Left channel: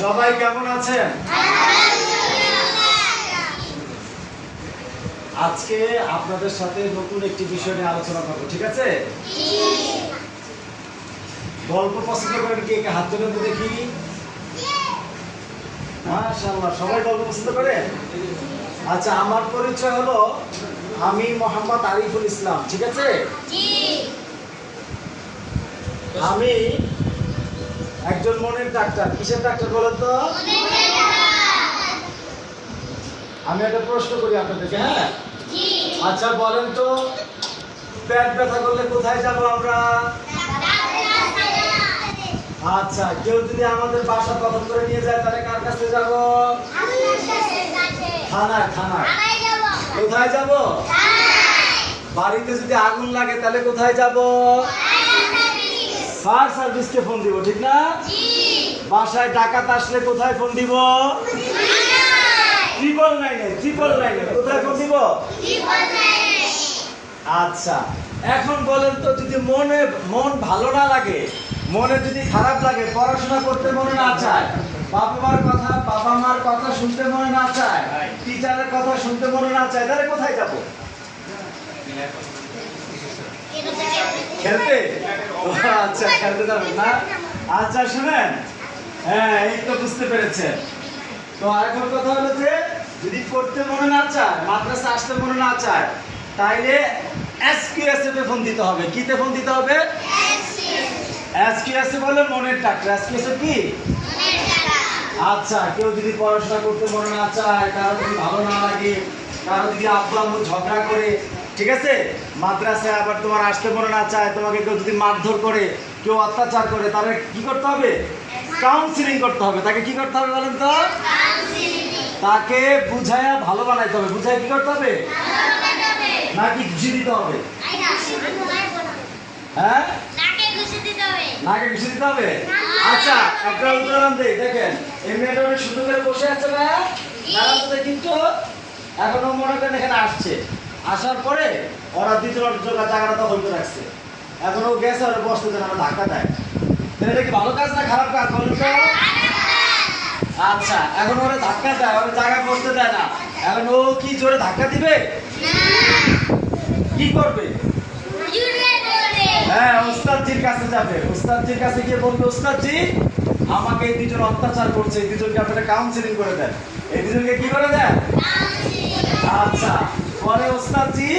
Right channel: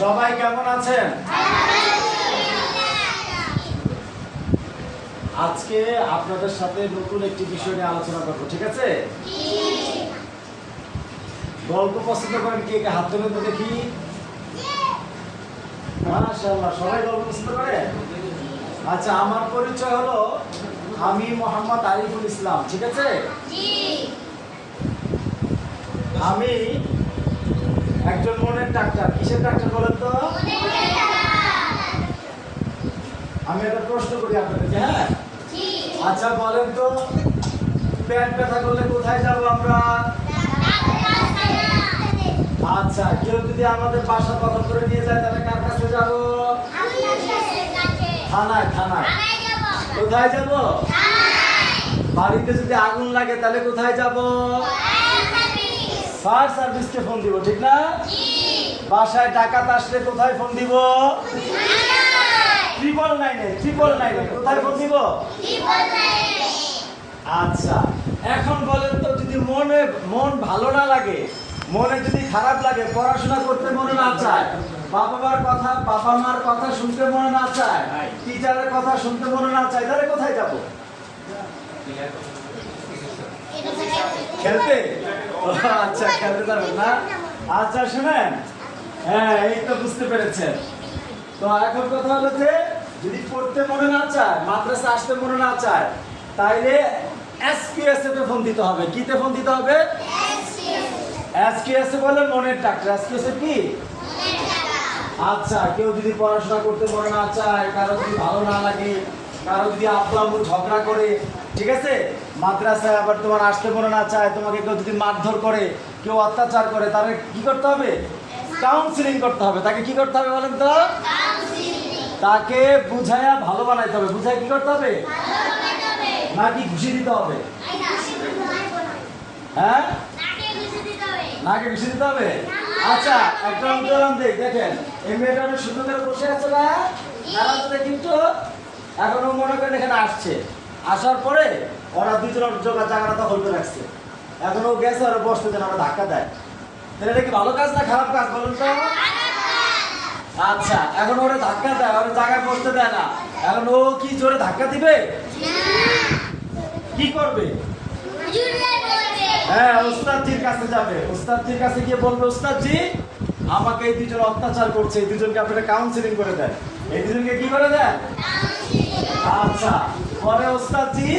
সবাই কেমন আছেন? আজকে আপনাদের সাথে নতুন একটি বিষয় নিয়ে আলোচনা করব, ঠিক আছে? গল্প পছন্দ করেন কে হাত তুলে তো দেখি। সবাই গল্প পছন্দ করে? আচ্ছা আমার পরিচয় হলো আমি মোহাম্মদ আরিফুল ইসলাম, ঠিক আছে? আমি একজন মনের ডাক্তার। কিসের ডাক্তার বলেন তো? আমি একটা প্রশ্ন করি আপনাদেরকে হ্যাঁ? আচ্ছা বলেন তো পেট ব্যথা করলে কোথায় যাব আমরা? আচ্ছা কেউ যদি আমাদের বাসা দখল করে নিয়ে যায় তাহলে কার কাছে যাব? থানায় থানায়। কোথায় যাব? বাড়িতে যদি আগুন লাগে তাহলে কোথায় যাব? ফায়ার সার্ভিসকে ফোন দিব ঠিক না? বাসায় ডাকাত আসলে কোথায় ফোন দিব? ট্রিপল নাইনে ট্রিপল নাইনে কোথায় ফোন দিব? আচ্ছা এখন বলেন তো যদি মনে মন ভালো না লাগে মনে যদি খারাপ লাগে পড়াশোনা করতে মনে না চায় বাবা মার কথা বাবা মার কথা শুনতে মনে না চায় টিচারের কথা শুনতে মনে না চায় তাহলে কোথায় যাব? খেলতে? আচ্ছা খেলতে যাবেন না? আচ্ছা শুনেন। হ্যাঁ এই তো বুঝতে পেরেছেন। তো এখন কথা হলো যে, যদি পড়তে মনে না চায়, মাদ্রাসা আসতে মনে না চায়, তাইলে এসকিউএস এ ফোন দিতে হবে। কিতে ফোন দিতে হবে? এসকিউএস এ বলে মনের ডাক্তার। এসকিউএস এ কি? আচ্ছা কেউ যদি পড়াশোনা করতে মনে না চায়, কারও যদি ভালো না লাগে, কারও যদি আব্বু আম্মু ঝগড়া করে ঠিক আছে? মাদ্রাসায় আবার তোমার আসতে মনে না চায় তোমাকে কেউ যদি মারধর করে কেউ অত্যাচার করে তাহলে কি করতে হবে? কাউন্সিলিং করতে হবে। তাকে কি করতে হবে বলেন তো? তাকে বুঝায়া ভালো বানাইতে হবে। বুঝায় কি করতে হবে? নাকি ঘুষি দিতে হবে? হ্যাঁ? নাকে ঘুষি দিতে হবে? আচ্ছা একটা উদাহরণ দেই দেখেন। এই মেয়েটা সুন্দর করে বসে আছে না? কিন্তু এখনও মনে করেন এখানে আসছে। আসার পরে ওরা দ্বিতীয় জোগা জায়গাটা দখল করে রাখছে। এখন ও গেছে আর বসতে যেন আমরা ধাক্কা দেয়। তাহলে এটা কি ভালো কাজ না খারাপ কাজ বলুন তো? আচ্ছা এখন ওরা ধাক্কা দেয় ওরা জায়গায় বসতে দেয় না। এখন ও কি জোরে ধাক্কা দিবে? কি করবে? হ্যাঁ ওস্তাদজির কাছে যাবে। ওস্তাদজির কাছে গিয়ে বলবে ওস্তাদজি আমাকে এই দুজন অত্যাচার করছে এই দুজনকে আপনারা কাউন্সিলিং করে দেন। এই দুজনকে কি করে দেন? আচ্ছা। পরে ওস্তাদজি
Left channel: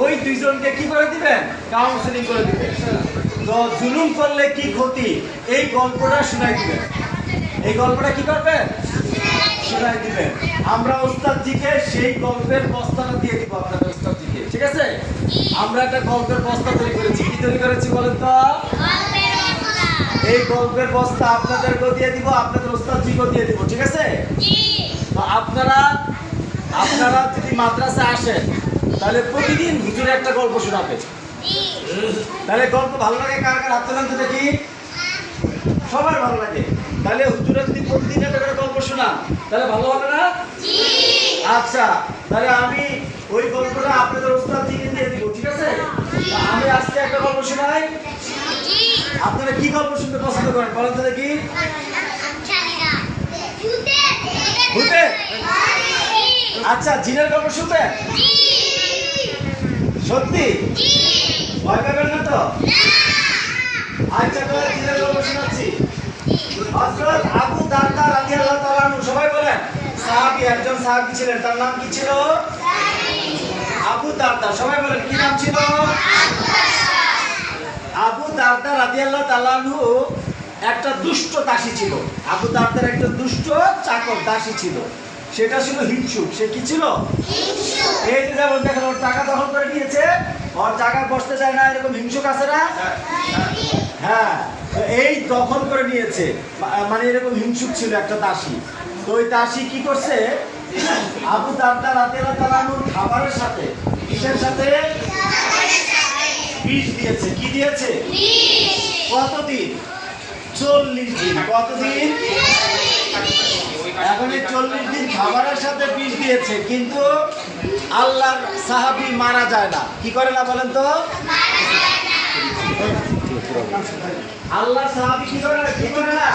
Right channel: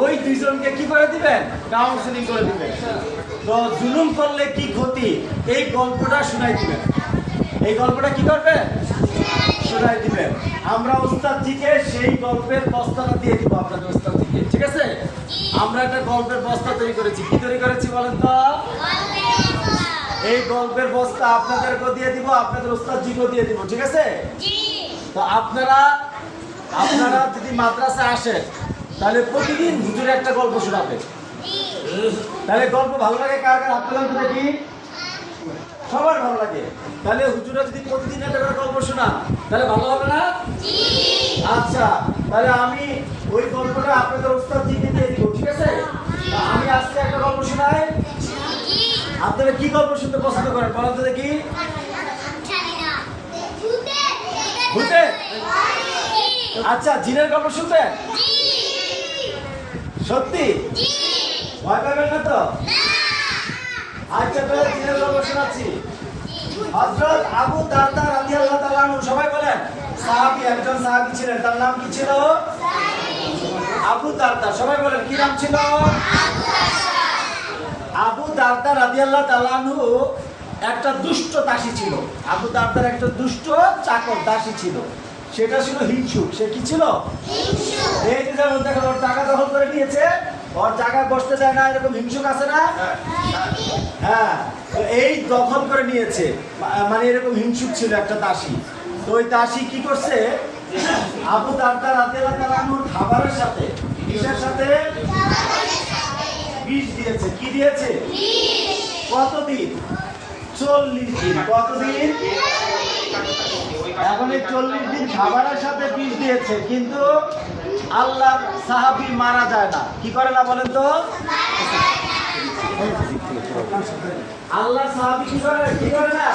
ওই দুইজনকে কি করে দিবেন? কাউন্সিলিং করে দিবেন। তো জুলুম করলে কি ক্ষতি? এই গল্পটা শোনাই দিবেন। এই গল্পটা কি করবেন? শোনাই দিবেন। আমরা ওস্তাদজিকে সেই গল্পের বস্তাটা দিয়ে দিব আপনাদের ওস্তাদজিকে ঠিক আছে? আমরা একটা গল্পের বস্তা তৈরি করেছি। কি তৈরি করেছি বলেন তো? এই গল্পের বস্তা আপনাদেরকেও দিয়ে দিব আপনাদের ওস্তাদজিকেও দিয়ে দিব ঠিক আছে? তো আপনারা আপনারা যদি মাদ্রাসা আসেন তাহলে প্রতিদিন হুজুরে একটা গল্প শোনাবে তাহলে গল্প ভালো লাগে কার কার হাত তুলেন তো দেখি সবার ভালো লাগে তাহলে হুজুরা যদি প্রতিদিন একটা করে গল্প শোনা তাহলে ভালো হবে না আচ্ছা তাহলে আমি ওই গল্পটা আপনাদের ওস্তাদ জিকে দিয়ে দিব ঠিক আছে আমি আজকে একটা গল্প শোনাই আপনারা কি গল্প শুনতে পছন্দ করেন বলেন তো দেখি ভূতে আচ্ছা জিনের গল্প শুনতে? সত্যি? ভয় পাবেন না তো? আচ্ছা তাহলে জিনের গল্প শোনাচ্ছি। হযরত আবু দারদা রাদিয়াল্লাহু তাআলা সবাই বলেন সাহাবী একজন সাহাবী ছিলেন তার নাম কি ছিল? আবু দারদা সবাই বলেন কি নাম ছিল? আবু দারদা। রাদিয়াল্লাহু তাআলা একটা দুষ্ট দাসী ছিল। আবু দারদার একটা দুষ্ট চাকর দাসী ছিল। সেটা ছিল হিংসুক। সে কি ছিল? এই যে যেমন দেখেন ওর টাকা দখল করে নিয়েছে ওর জায়গায় বসতে চায় না এরকম হিংসুক আছে না? হ্যাঁ এই দখল করে নিয়েছে। মানে এরকম হিংসুক ছিল একটা দাসী। তো ওই দাসী কি করছে? আবু দারদা রাতে তালানুর খাবারের সাথে কিসের সাথে? বিষ দিয়েছে। কি দিয়েছে? কতদিন? চল্লিশ দিন। কতদিন? এই চল্লিশ দিন খাবারের সাথে বিষ দিয়েছে, কিন্তু আল্লাহর সাহাবি মারা যায় না। কি করে না বলেন তো? আল্লাহ সাহাবি কি করে? কি করে না?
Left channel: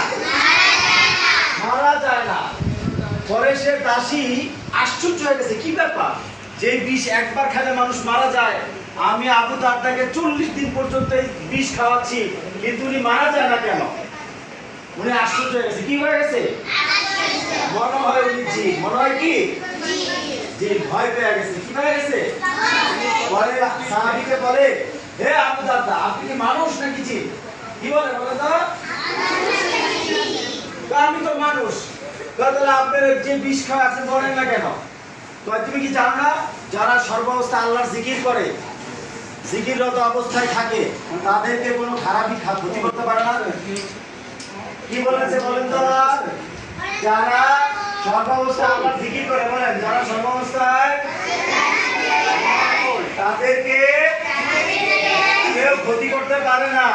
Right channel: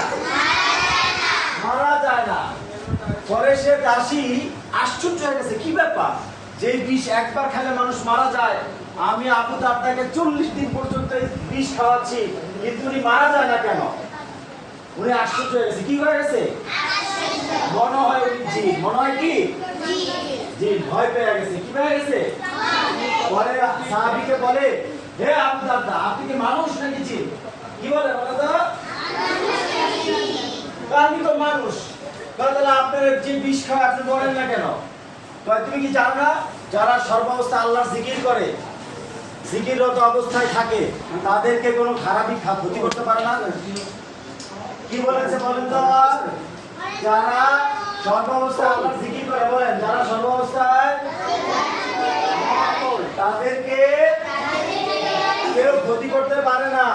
মারা যায় না। পরে সে দাসী আশ্চর্য হয়ে গেছে, কি ব্যাপার? যে বিষ একবার খেলে মানুষ মারা যায়। আমি আবু দারদাকে চল্লিশ দিন পর্যন্ত এই বিষ খাওয়াচ্ছি, কিন্তু উনি মারা যায় না কেন? উনি আশ্চর্য হয়ে গেছে, কি হয়ে গেছে? মনে হয় উনি জি মনে হয় কি? জি ভয় পেয়ে গেছে। কি হয়ে গেছে? পরে সাহাবিকে বলে, হে আবু আপনি কি মানুষ নাকি জি কি বলে বলে তো আমি তো মানুষ। তাহলে আপনার যে বিষ খাওয়া আপনি মরেন না কেন? তুমি কি জানো না? যারা সর্বাবস্থা আল্লাহর জিকির করে, জিকিররত অবস্থায় থাকে, তাদেরকে কোনো খারাপই ক্ষতি করতে পারে না? কি বলেছে বলেন তো? যারা সর্বাবস্থায় আল্লাহর জিকির করে, বলেন, যারা সর্বাবস্থায় তাদেরকে কেউ ক্ষতি করতে পারে না।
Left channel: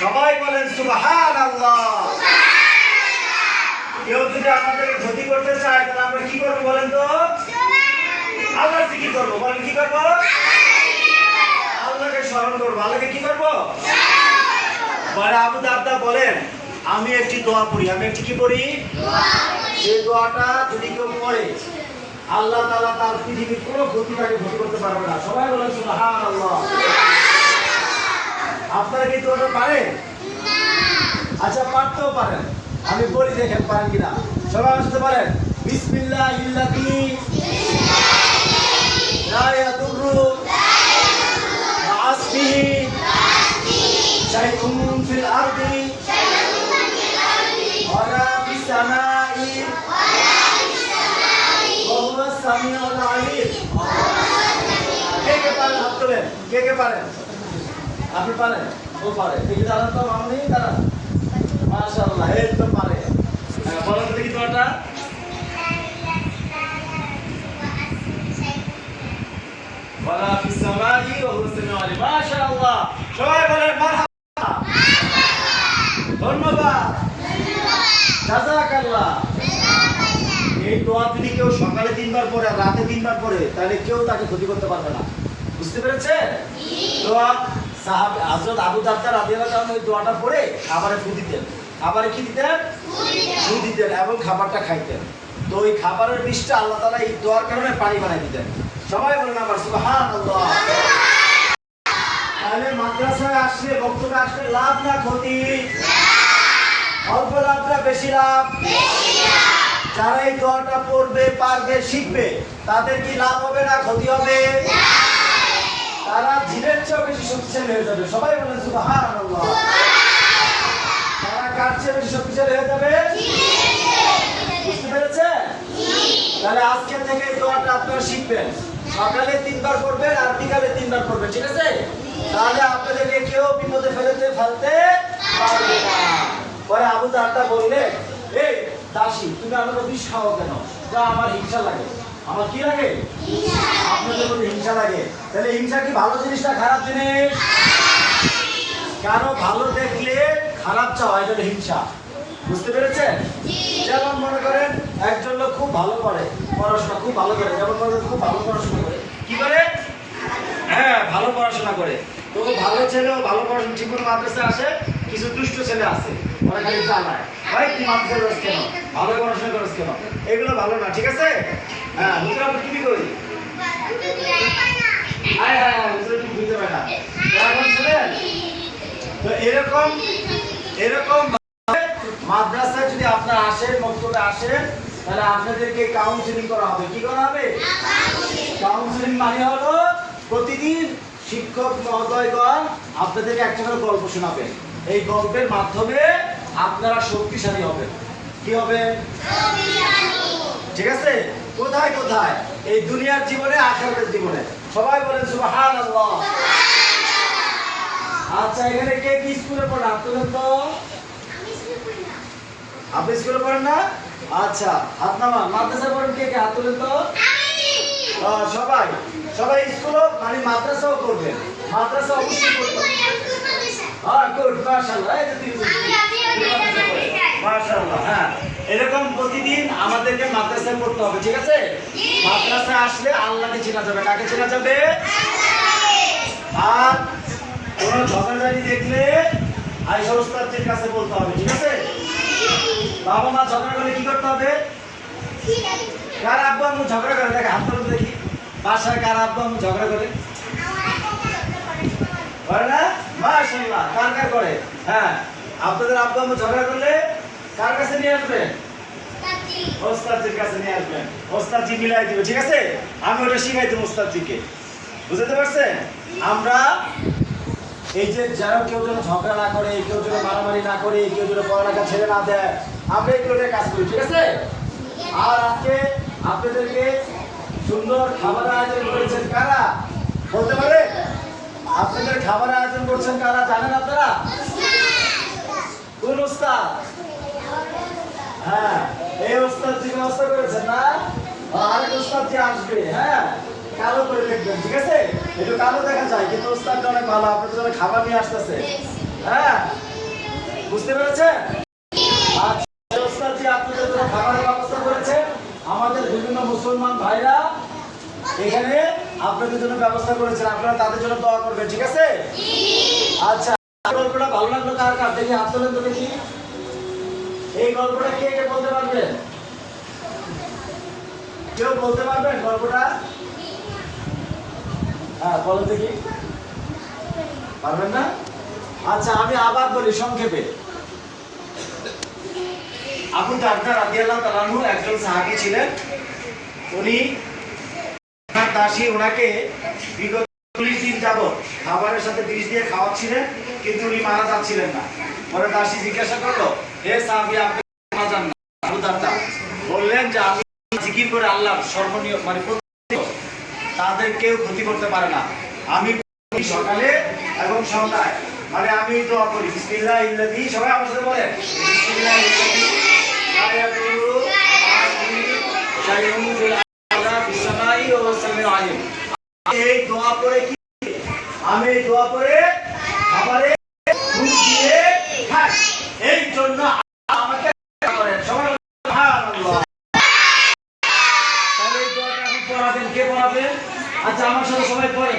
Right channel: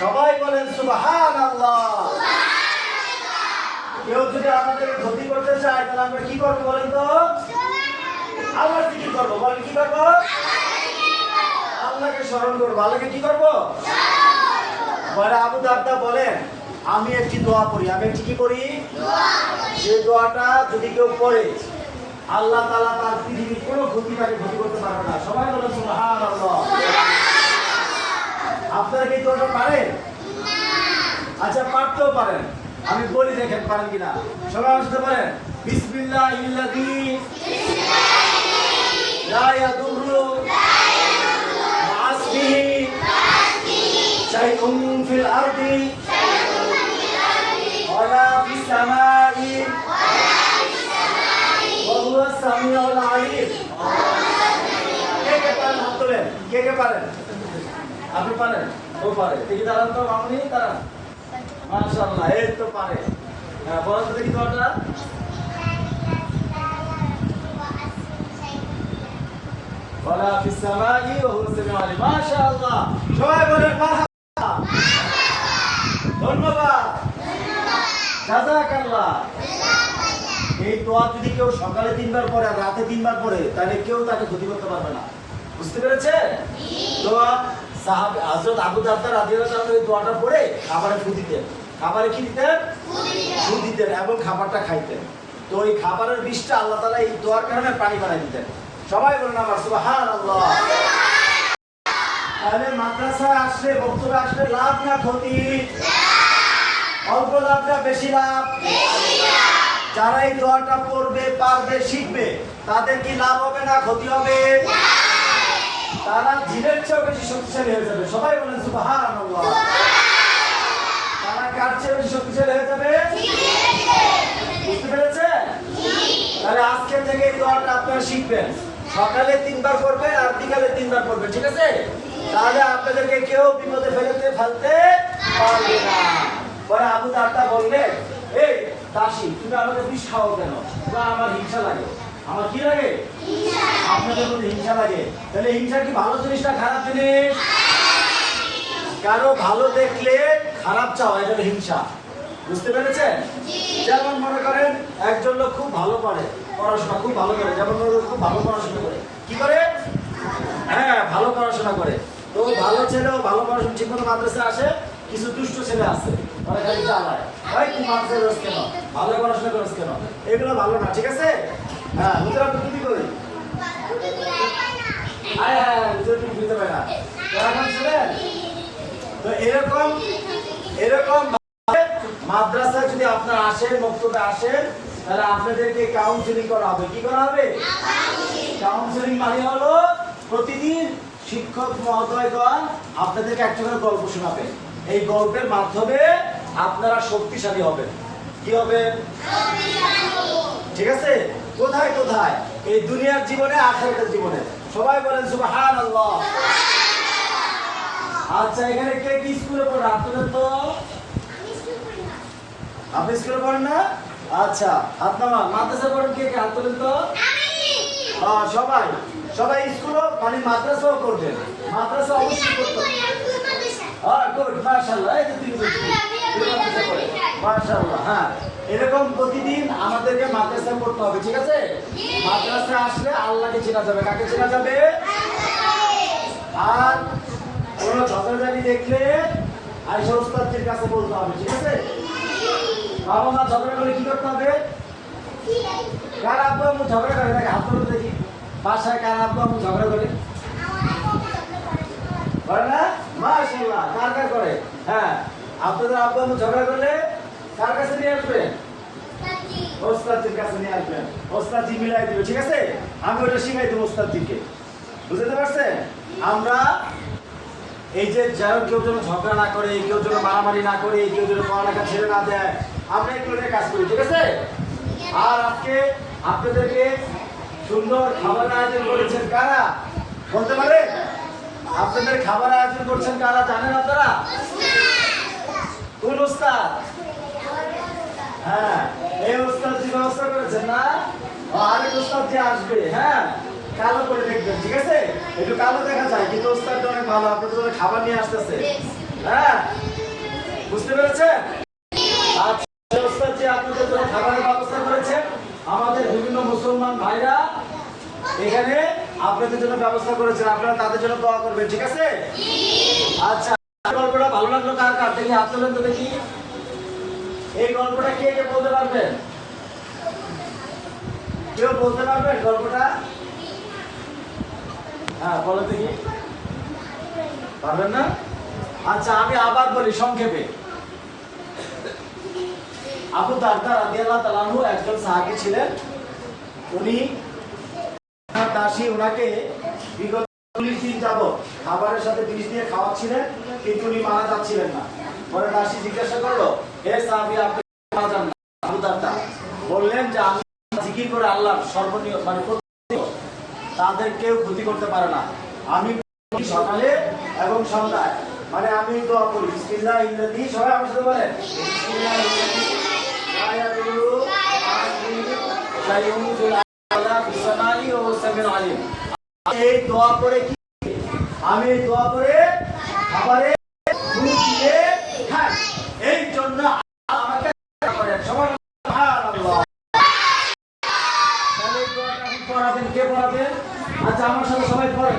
সবাই বলেন সুবহান আল্লাহ কেউ যদি আমাদের ক্ষতি করতে চায়, তাহলে আমরা কি করব বলেন তো? আল্লাহ কি করব। বলেন, কি করব? আল্লাহকে স্মরণ করব। আল্লাহকে কি করব? বলে আবু দারদা বলেন আমি একটি দোয়া পড়ি, আমি একটি কি পড়ি? যে দোয়াটা যদি কেউ পড়ে, আল্লাহ তালা তার পৃথিবীর কোনো ক্ষতি তাকে করতে পারবে না। সবাই বলেন আপনারা কি দোয়াটা পারেন? আচ্ছা পারতেও পারেন। আমি বলি দেখেন, পারেন কিনা? সবাই আসতে পারেন বিসমিল্লাহ ইল্লাযী লা মা'আসমিহি শাইউন ফিল আরদি ওয়ালা ফিস সামাই ওয়া হুয়া সামিউল আলিম কে কে পারেন হাত তোলেন কে কে পারেন? আপনি পারেন? ও পারে। দেখি দাঁড়ান তো দাঁড়ান। মাশাআল্লাহ, এই তো পারে। হ্যাঁ বলেন দেখি তোমারটা। ধন্যবাদ। এই দোয়া যদি কেউ সকালে তিনবার পড়ে আর রাতে তিনবার পড়ে, তাহলে কেউ তাকে ক্ষতি করতে পারবে না। বুঝতে পেরেছেন তাআলা এই দোয়াটা খাবারে ফু দিতেন। খাবারে কি দিতেন? ফু দিতেন এবং খাবারটা খাইতেন। তো ওই খাবারের বিষটা আল্লাহ তাআলা এই দোয়ার কারণে পানি বানাই দিতেন। সবাই বলেন আমার তাহলে মাদ্রাসায় আসলে বক্তব্যে আসলে লাভ না ক্ষতি? অল্প লাভ না বেশি লাভ? যারা এই দোয়াটা পড়বে, পারবে, শিখবে, তাদের কি লাভ হবে না ক্ষতি হবে? তারা জিনের চেয়েও বেশি শক্তিশালী হয়ে যাবে। সবাই বলেন সুবহানাল্লাহ। তারা কার চেয়ে বেশি শক্তিশালী হয়ে যাবে? বুঝতে পেরেছেন? তাহলে আজকে থেকে দোয়াটা আপনারা শিখবেন। সকালে তিনবার করবেন আর বিকালে তিনবার করবেন ঠিক আছে? তাহলে আপনাদেরকে কেউ বিপদে ফেলতে ফেলতে পারবে না। পরে আবু দারটা বললে এই দাসী তুমি আমাকে বিষ খাও কেন? বা আমার হিংসা লাগে। আমার কি লাগে? আপনাদের প্রতি হিংসা লাগে। তাহলে হিংসা কি ভালো জিনিস না খারাপ জিনিস? কারও ভালো দেখলে খারাপ চাওয়া, এটা হিংসা। বুঝতে পেরেছেন? যেমন মনে করেন, একজন লোক খুব ভালো পড়ে, পড়াশোনা খুব ভালো করে, যেমন মনে খুব ভালো পড়াশোনা করে। কি করে? হ্যাঁ ভালো পড়াশোনা করে। তো ভালো ছেলেও ভালো পড়াশোনা ঠিক মতো মাদ্রাসায় আসে, কিছু দুষ্ট ছেলে আছে, ওরা খালি চালায় ভাই, তুই মাদ্রাসায় কেন? ভালো পড়াশোনা করিস কেন? এগুলো ভালো না, ঠিক আছে? হ্যাঁ হুজুর আপনি কি হ্যাঁ হ্যাঁ হুজুর তুমি বুঝতে পারে না। এখন শুনেন তো এরকম এরকম মাদ্রাসায় যদি আপনারা আসেন বক্তব্যে আসেন তাহলে আপনাদেরকে কাউন্সিলিং করা হবে। কি করা হবে? কাউন্সিলিং মানে হলো প্রতিদিন শিক্ষক মহোদয়গণ আপনাদেরকে একটা করে গল্প শোনাবেন। এই গল্পের মাধ্যমে আপনারা শক্তিশালী হবেন। কি হবে ঠিক আছে? কোথায় কোথায়? এই দুনিয়ার জীবনে আখেরাতের জীবনে। সবাই বলেন সুবহানাল্লাহ। আচ্ছা এখানে কে কি স্কুলে পড়ে? তোলেন তো। আপনি স্কুলে পড়েন না? আচ্ছা হাত নামা মাদ্রাসা পড়েন কে কে? হাত তোলেন তো। সবাই। সবাই স্কুল মানে মাদ্রাসাও করবেন মাদ্রাসা অবশ্যই করতে হ্যাঁ গুড মাশাআল্লাহ। এই যে তিনি মাশাআল্লাহ হ্যাঁ। এরকম প্রতিদিন আমাদেরকে মাদ্রাসায় পড়তে হবে ঠিক আছে? মাদ্রাসায় আসলে আল্লাহকে চেনা যাবে। কাকে চেনা যাবে? আর কোনো ঝগড়াঝাড়ি দেখলে আইসা ওস্তাদের কাছে বলতে হবে ঠিক আছে? বাবা মা ঝগড়া করলে কি করতে হবে? কার আব্বু আম্মু ঝগড়া করে? দেখে হাত তুলে দেখি। বাসায় কার আব্বু আম্মু ঝগড়া করে? করে না? মাশাআল্লাহ। কার কার করে? হ্যাঁ আপনাদের আব্বু আম্মু ঝগড়া করলে কার কাছে নিয়ে আসবেন? কাছে নিয়ে আসবেন। ওস্তাদজি মিলাই দিবে ঠিক আছে? আমি ওটা শিখাই দেবো ওস্তাদজিকে। বুঝতে পারছেন? আমরা এই যে যারা কেউ যেন ঝগড়া না করে কেউ যেন মারামারি না করে কেউ যেন পড়ালেখা ছেড়ে না দেয় আমরা এগুলো নিয়ে কাজ করি ঠিক আছে? আর আজকে আপনাদেরকে সুন্দর খাবার আয়োজন করেছেন কারা? বলতে পারে আপনাদের খাবার আয়োজন করছেন কারা? জানেন আপনারা? কোন হ্যাঁ এই ব্যবস্থা না? আসবে হ্যাঁ? ঠিক আছে? একটু দেখা যায়, কিন্তু অনেক ভালো আপনাদের খাবার নিয়ে আসতেছে। হ্যাঁ? বুঝতে পেরেছেন? আচ্ছা ওস্তাদ আপনাদের খাবারের ব্যবস্থা আমাদের বিভিন্ন মুসলমান ভাইরা এখানে আপনাদের জন্য ব্যবস্থা করেছেন। আপনারা তাদের জন্য দোয়া করবেন, ঠিক আছে? আচ্ছা গল্পটা ভালো লাগল কার কার? দেখি তো দেখি এই গল্পটা কে কে বলতে পারবেন কেউ বলতে পারবেন গল্পটা? হ্যাঁ বলো দেখি। পারবেন না? আচ্ছা আমি আবার বলি সংক্ষেপে। আবু দারদা রাদিয়াল্লাহু একজন সাহাবী ছিলেন। উনি দাসী, ওনাকে বিগত চল্লিশ দিন যাবৎ খাবারের সাথে বিষ দিয়ে খাওয়াচ্ছিলেন, কিন্তু উনি মারা যাচ্ছিলেন না। পরে দাসী জিজ্ঞাসা করল বললেন যে, আমি জিকির করে আল্লাহ মানে তাদের কেউ ক্ষতি করতে পারে না। আমি সকালে এবং সন্ধ্যায় মানে আমি করি। সবাই আমার সাথে বলেন। বিসমিল্লাহ এই দোয়া কি? আমি দোয়া দুধ দিয়ে খাই এই জন্য আমাকে করেন সবাই বলেন, সুবহানাল্লাহ। তাহলে এই দোয়াটা এখন পড়াবেন কে পড়াবেন আমার সাথে সবাই পড়ে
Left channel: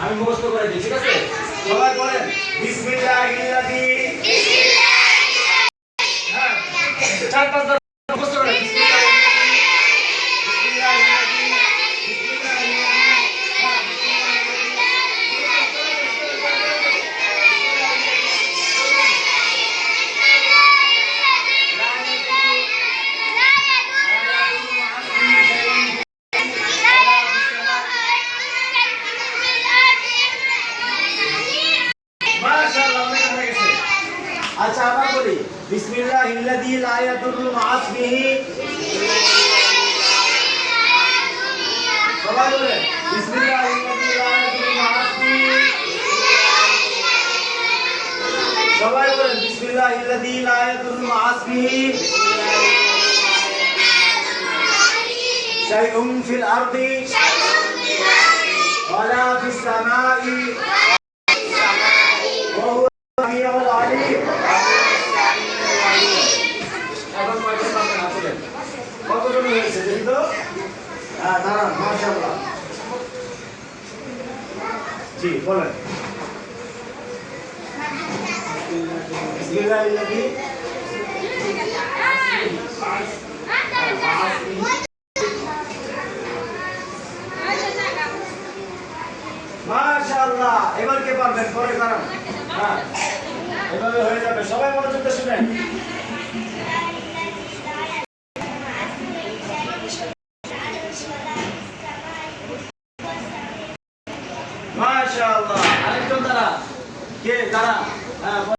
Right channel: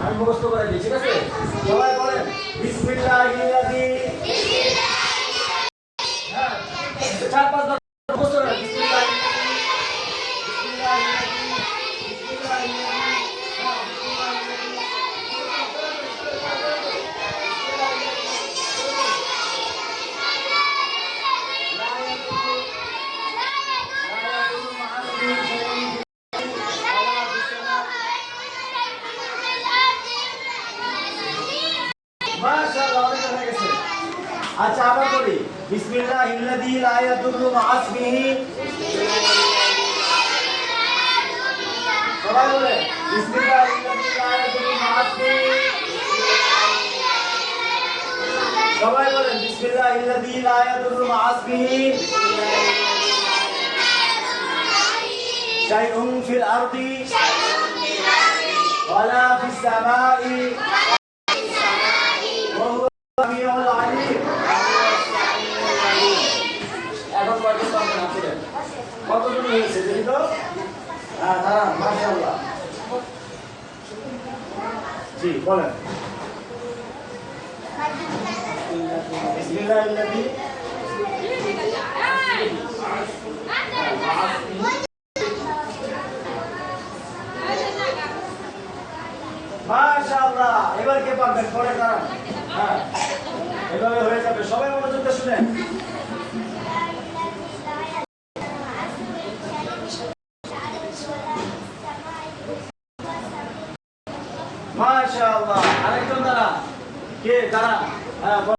আমি মুখস্থ করে দিই ঠিক আছে? সবাই বলেন বিসমিল্লাহির্রাহমানির হ্যাঁ আচ্ছা আবার বলি বিসমিল্লাহিল্লাযী লা ইয়াদুররু মা'a ইসমিহি সবাই বলেন বিসমিল্লাহিল্লাযী লা ইয়াদুররু মা'a ইসমিহি সবাই বলেন বিসমিল্লাহিল্লাযী লা ইয়াদুররু মা'a ইসমিহি শাইউন ফিল আরদি। ওয়ালা ফিস বলেন। মাশাআল্লাহ এবার কে পারবেন? পরে দাঁড়ান। হ্যাঁ এভাবে হয়ে যাবে। সবাই মনোযোগ শুনেন মাশাআল্লাহ আরেকজন দাঁড়া কে দাঁড়া হ্যাঁ বল।